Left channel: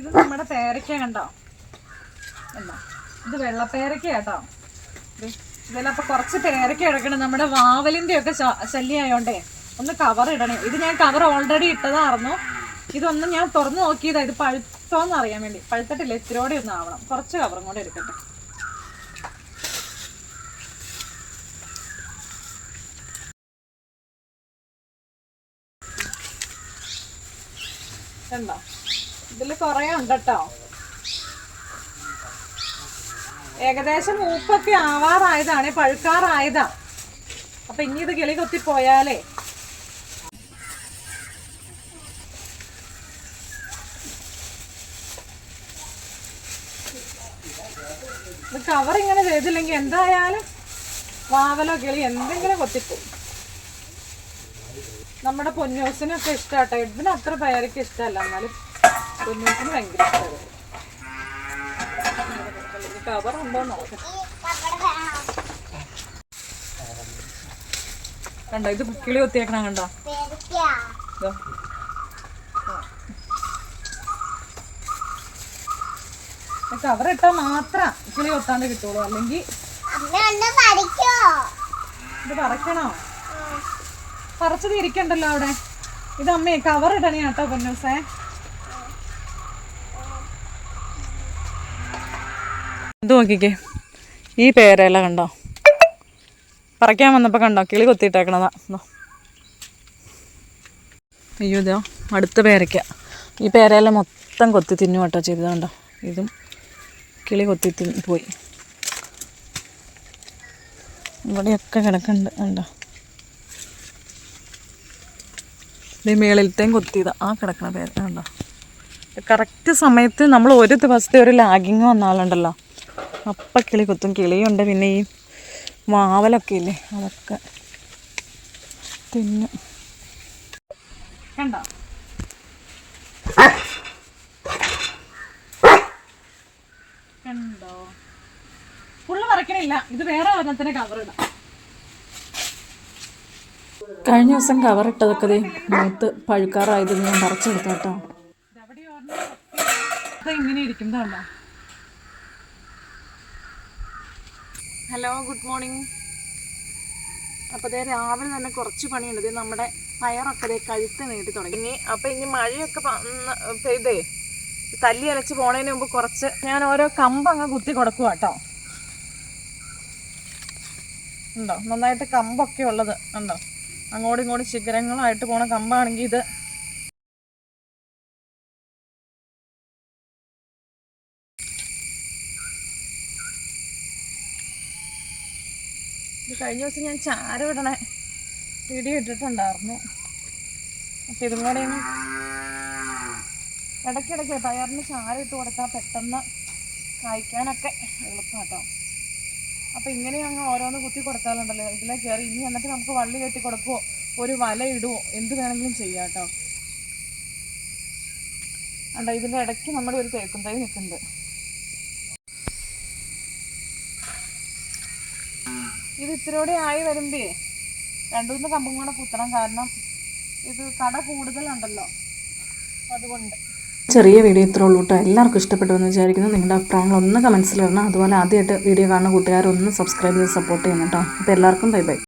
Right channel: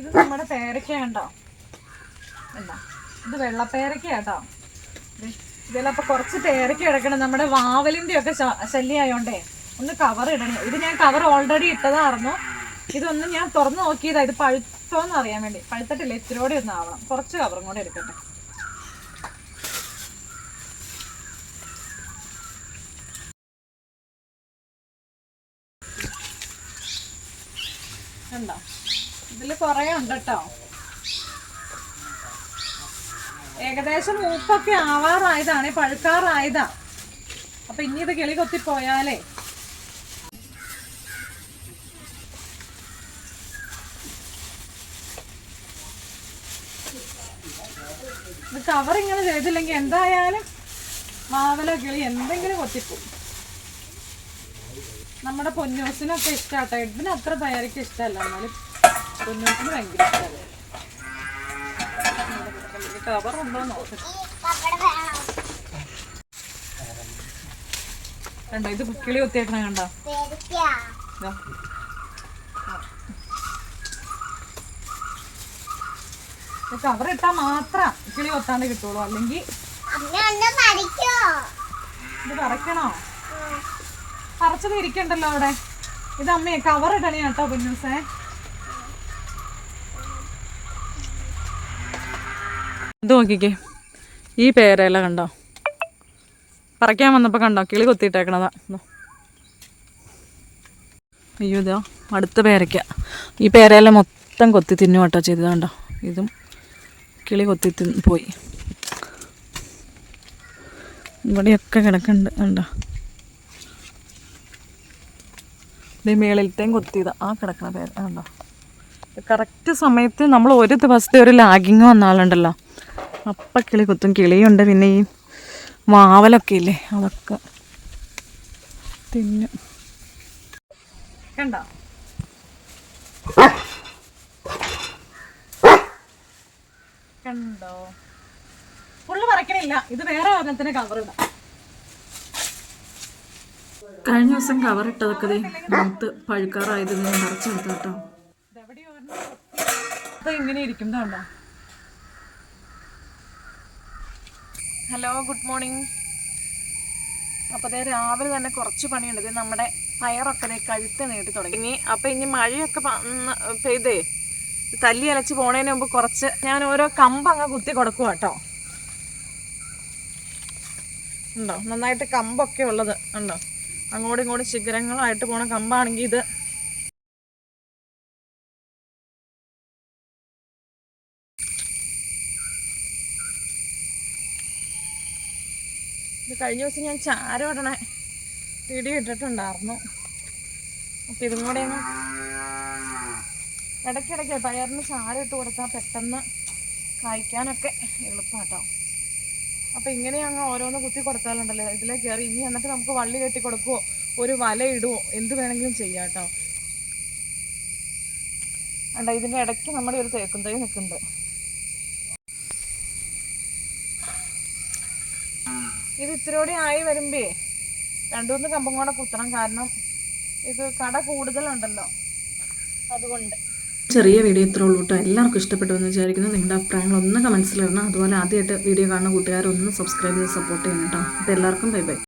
ഇത് നമ്മുടെ പേരയ്ക്ക കണ്ടോ എന്താ ഇത് വെള്ളപ്പേരയ്ക്ക കേട്ടോ ഇതിലപ്പോ കുറച്ച് പേരയ്ക്ക എടുക്കണം. നമ്മുടെ വാവലിന്റെ ഒക്കെ ശല്യമായോണ്ടേ ഒന്ന് കവർ ഇടണേ. ഇത് ഞാൻ കവർ ഓൾറെഡി ഇട്ടതായിരുന്നു. ഇതൊന്ന് ഞാൻ തുറന്നു നോക്കിയതാ. ഇത് പഴുത്തോന്ന് അറിയാൻ വേണ്ടി. പഴുത്തിട്ടില്ല ഇത്തിരോടെ ഒന്ന് ആവണം. കുറച്ച് കവറും കൂടെ എടുക്കട്ടെ. കണ്ടോ ഇതിൽ കുറേ ഉണ്ട് കേട്ടോ ഏകദേശം മൂപ്പൊക്കെ ആവാറായതാണ് പഴുക്കാറായതാ. അപ്പൊ ഇനി ഇത് കിളി കൊത്തി പോയാലേ ഇത് കവർ ഇങ്ങനെ ചെയ്തില്ലെങ്കിൽ എന്തായാലും വാവലോ കിളി എന്തെങ്കിലും കൊത്തിപ്പോവും. നമ്മുടെ പൊന്നൂസിനൊക്കെ ഇഷ്ടാട്ടോ. എഡിന് പേരൊക്കെ ഇഷ്ടമല്ല എന്നാലും പൊന്നൂസിന് ഭയങ്കര ഇഷ്ടമാണ്. കവർ ഉണ്ടോ നോക്കാം കണ്ടോ ഇത് കിളി ഒത്തിയേക്കണ കണ്ടോ? കവർ ഇട്ടാ മാത്രം കിളി കൊത്താണ്ട് കിട്ടുള്ളൂ. അല്ലെങ്കിൽ ഇത് പറിക്കണോ? പറിച്ചത് ഇരിക്കണ്ടല്ലോ അവിടെ. ഇത് അമ്മയെ കവർ ഇടണേ കേട്ടോ പൊന്നൂസേ. ഇത് നോക്കിക്കേ. ഈ പേരയില കണ്ടോ? പറിക്കാൻ വന്നപ്പോൾ കണ്ടോ? കിളി കൊത്തിയിട്ടേക്കണതാ. ഇതോ. അയ്യോ ഇതോ. അടുത്ത പേരയ്ക്ക. ഈ പേരയില മൊത്തം കൊത്തി തിന്നു കേട്ടോ ചെയ്തത് കണ്ടോ? ഇതും കിളി കൊത്തി തിന്ന് പോയി. ഇവിടെയൊക്കെ കിടക്കുന്നുണ്ട് കണ്ടോ? ഇതേ മേളിലത്തെയും കൊത്തിയതാ. ആ കിടക്കണ പേര് കണ്ടോ? കറക്റ്റ് സമയത്ത് നമ്മൾ ഒരു ദിവസത്തെ ഒരു ലാഗിങ് വന്നാലുണ്ടല്ലോ അപ്പം കിളി കുത്തും. കിളിയുണ്ട് പിന്നെ ഈ മാവലൊക്കെ ഇല്ലേ? അതൊക്കെ തിന്നും. കണ്ടോ? കണ്ടോ? ഫുള്ള് പറിക്കണില്ല. ഇത് വേറെ ഒരെണ്ണത്തിന് കവർ ഇടാം. കഴിഞ്ഞ ദിവസം കവറിട്ടതൊക്കെ മൂത്ത് പഴുക്കാറായത് ഞാൻ പറിച്ചെടുത്തോട്ടോ ഇങ്ങനെ ഇരിക്കുന്നതാണോ ഹലോ ഗുഡ് മോർണിംഗ് അപ്പോൾ അതേ രാവിലെ തന്നെ കുറച്ച് പണിയുണ്ട്. നമ്മുടെ പയറൊക്കെ അതേ കഴുത്ത് നീട്ടി തുടങ്ങി. അപ്പോൾ ഇനി മഴയൊക്കെ പെയ്തേ. തല്ലി അലച്ച് പോണതിന് മുമ്പ് കുറച്ച് ഞാൻ ഓരോ കമ്പ് അങ്ങ് കുത്തി കൊടുക്കുക കേട്ടോ. ഉണ്ടോ? നന്നായിട്ട് കമ്പൊക്കെ ഉള്ളത്. ഉണ്ടോ? അങ്ങോട്ടും ഇങ്ങോട്ടും ശിഖരങ്ങളായിട്ട് പോണ കമ്പാണെങ്കിൽ ഇത് ഇത് കഴിഞ്ഞ ദിവസം ഞാൻ ചാര വിടണ വീഡിയോ ഇട്ടിട്ടുണ്ടായിരുന്നു. അപ്പം ഇതും കൂടി ഇനി ഇടയ്ക്കിടയ്ക്ക് പയറിന് ചാര ഇട്ട് കൊടുത്താൽ പെട്ടെന്ന് കായ്ക്കാനൊക്കെ എളുപ്പമാട്ടോ അപ്പം ഇങ്ങനെ അങ്ങ് ഓരോന്ന് കുത്തി കൊടുത്താലുണ്ടല്ലോ. ഇതിലേ കയറി ഇനി എന്നിട്ട് നമുക്ക് വള്ളി കെട്ടി കൊടുക്കുവോ? ഒരു വല ഇടുവോ? എന്ത് വേണമെങ്കിലും ചെയ്യാം കേട്ടോ കണ്ടോ ഇതിന്റെ ഇടയ്ക്ക് നമ്മുടെ ഒരു തേക്കും തൈ നിൽക്കുന്നുണ്ട്. ഇത് ഇത്തിരിയോടെ ആയി വരുമ്പേ രണ്ടു മൂന്ന് കമ്പും കൂടെ കുത്തണം. കാരണം ഇത് കട കൂടുതലുണ്ടല്ലോ. അതുകൊണ്ട്. ചെറിയ വീഡിയോ ഇത്രേ ഉള്ളൂ കേട്ടോ. എല്ലാവർക്കും ഇഷ്ടപ്പെട്ടു എന്ന് വിചാരിക്കുന്നു. നിങ്ങളുടെ അഭിപ്രായങ്ങൾ ഒന്ന് കമൻസിൽ ഇടണം. അതുപോലെ ആദ്യമായിട്ട് വീഡിയോ കാണുന്ന കൂട്ടുകാരൊന്ന് സബ്സ്ക്രൈബ് ചെയ്ത് സപ്പോർട്ട് ചെയ്യണം കേട്ടോ. അപ്പോൾ എല്ലാവർക്കും ബൈ ബൈ.